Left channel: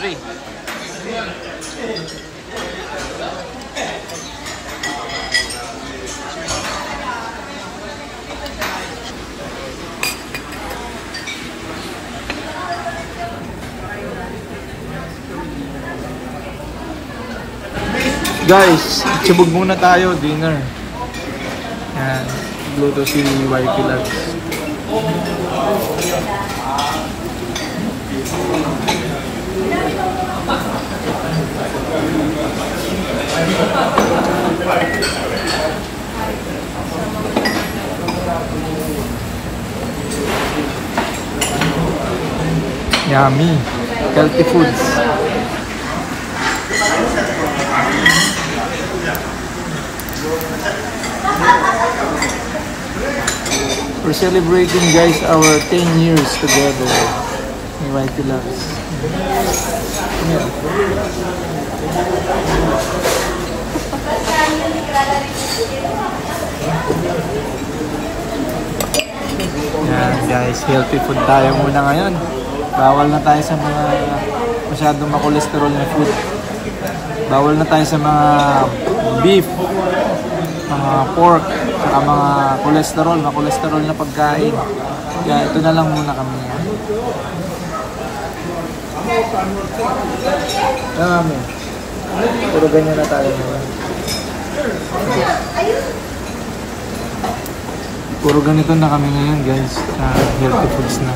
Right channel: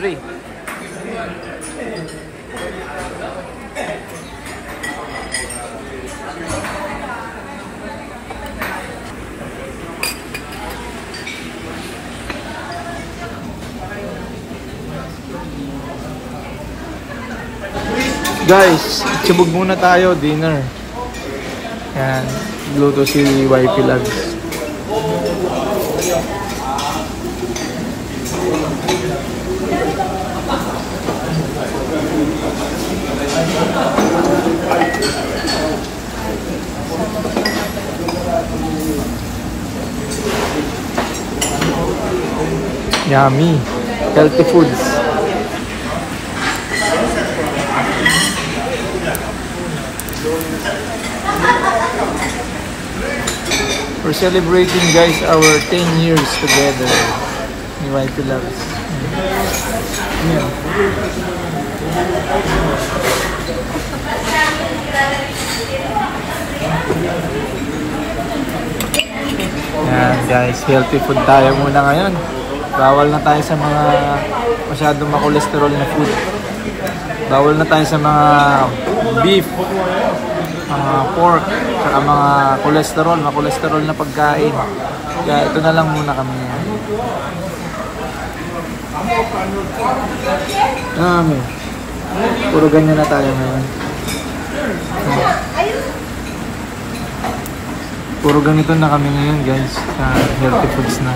3. Guys, subog muna tayo, dinner. Yan, luto si Wifey Loves. Yummy, healthy foods. We're celebrating, guys, our 10 years together. Ni Wifey Loves. Yeah. Yan, guys, healthy food tayo muna ngayon. Bawal na tayo sa mga masyadong makolesterol na food. Bawal na tayo sa mga beef, mga pork, saka mga kolesterol na pagkain. Kaya ito na lang muna kami. Puro ganyan na tayo naman. Puro ganito na kami ngayon, guys, sa healthy foods na.